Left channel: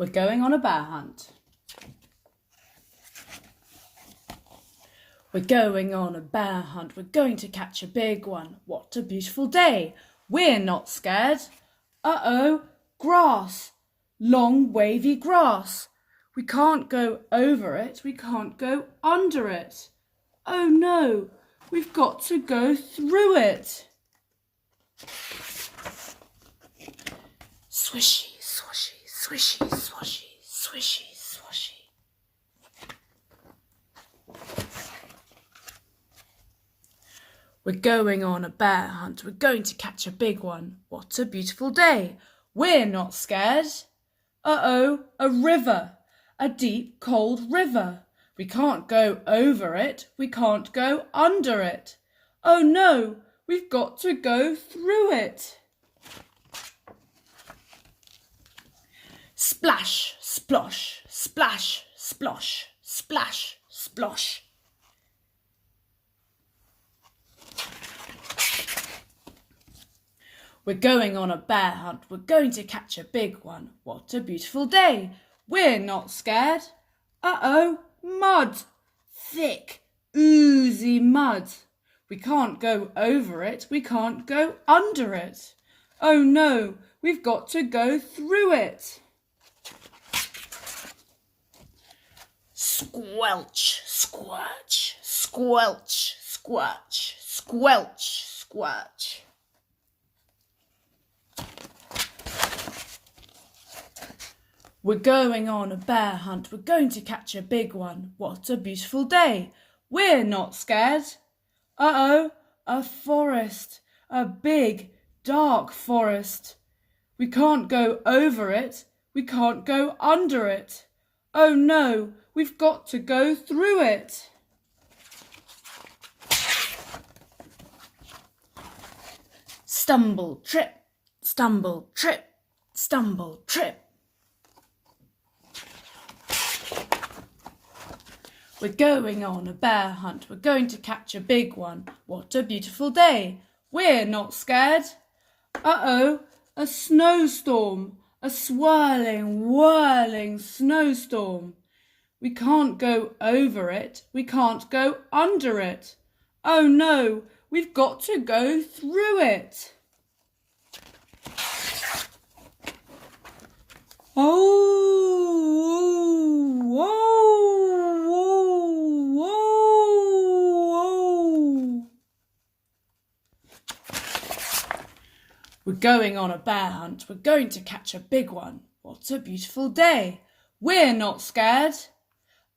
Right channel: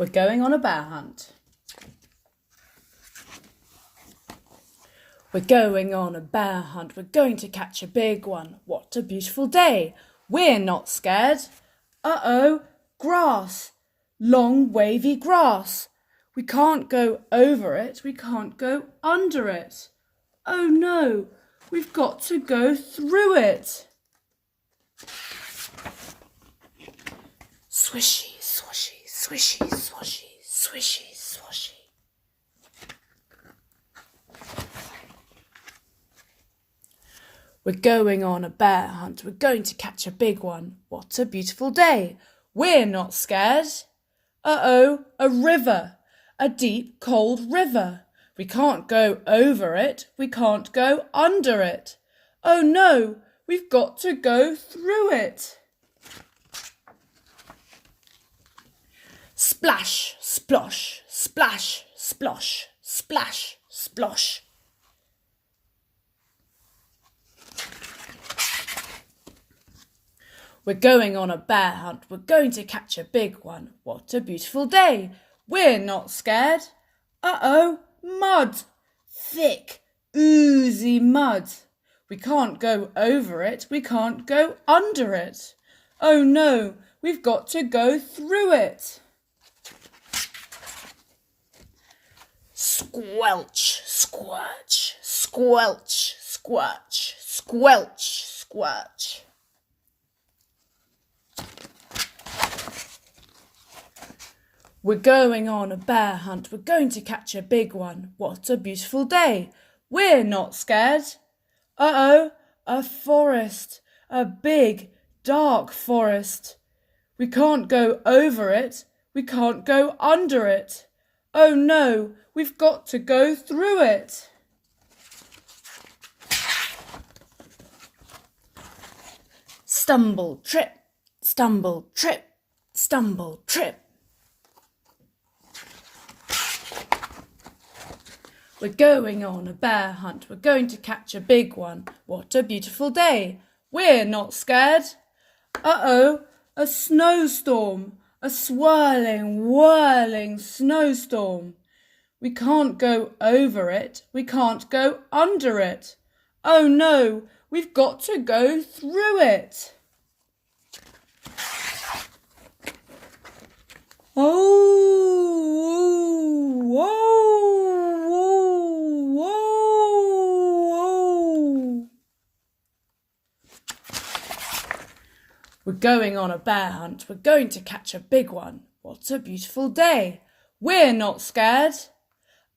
We're going on a bear hunt. We're going on a bear hunt. We're going to catch a big one. What a beautiful day. We're not scared. Uh-oh, grass. Long wavy grass. We can't go over it. We can't go under it. Oh no, we've got to go through it. Swishy, swashy, swishy, swashy, swishy, swashy. We're going on a bear hunt. We're going to catch a big one. What a beautiful day. We're not scared. Uh-oh, a river. A deep, cold river. We can't go over it. We can't go under it. Oh no, we've got to go through it. Splash, splosh, splash, splosh, splash, splosh. We're going on a bear hunt. We're going to catch a big one. What a beautiful day. We're not scared. Uh-oh, mud. Thick, oozy mud. We can't go over it. We can't go under it. Oh no, we've got to go through it. Squelch, squelch, squelch, squelch, squelch, squelch. We're going on a bear hunt. We're going to catch a big one. What a beautiful day. We're not scared. Uh-oh, a forest. A big, dark forest. We can't go over it. We can't go under it. Oh no, we've got to go through it. Stumble, trip, stumble, trip, stumble, trip. We're going on a bear hunt. We're going to catch a big one. What a beautiful day. We're not scared. Uh-oh, a snowstorm. A swirling, whirling snowstorm. We can't go over it. We can't go under it. Oh no, we've got to go through it. Oh, whoa, whoa, whoa, whoa. We're going on a bear hunt. We're going to catch a big one. What a beautiful day. We're not scared.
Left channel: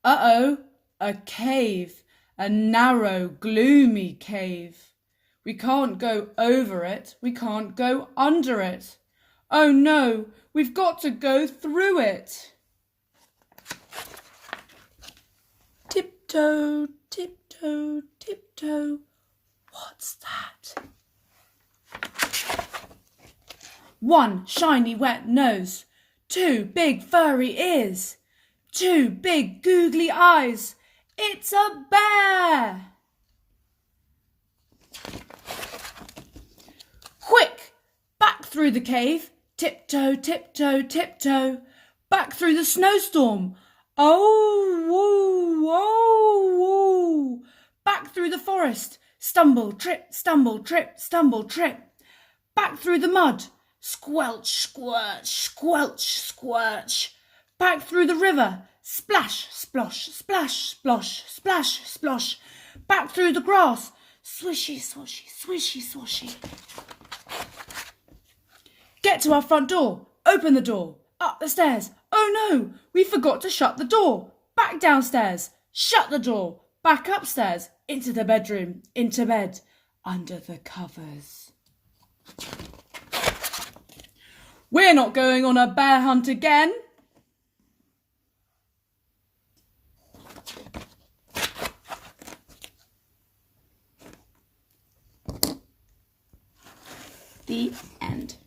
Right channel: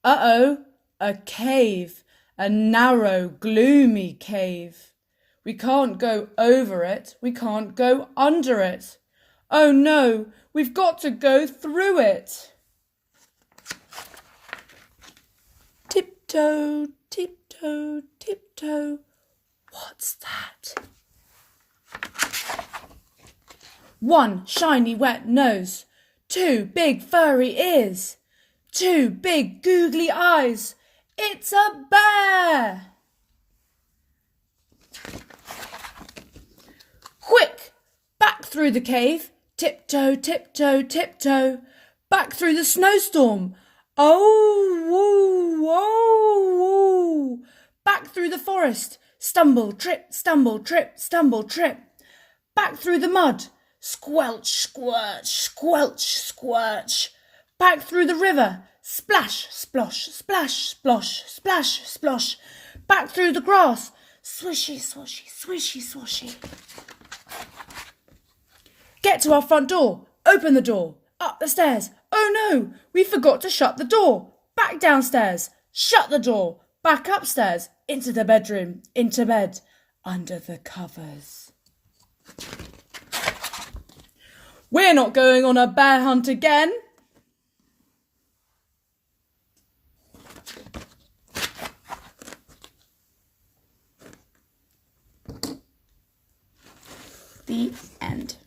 Uh-oh, a cave. A narrow, gloomy cave. We can't go over it. We can't go under it. Oh no, we've got to go through it. Tiptoe, tiptoe, tiptoe. What's that? One shiny wet nose. Two big furry ears. Two big googly eyes. It's a bear! Quick! Back through the cave. Tiptoe, tiptoe, tiptoe. Back through the snowstorm. Oh, woo, whoa, woo. Back through the forest. Stumble, trip, stumble, trip, stumble, trip. Back through the mud. Squelch, squirch, squelch, squirch. Back through the river. Splash, splosh, splash, splosh, splash, splosh. Back through the grass. Swishy, swashy, swishy, swashy. Get to our front door. Open the door. Up the stairs. Oh no, we forgot to shut the door. Back downstairs. Shut the door. Back upstairs. Into the bedroom. Into bed. Under the covers. We're not going on a bear hunt again. The end.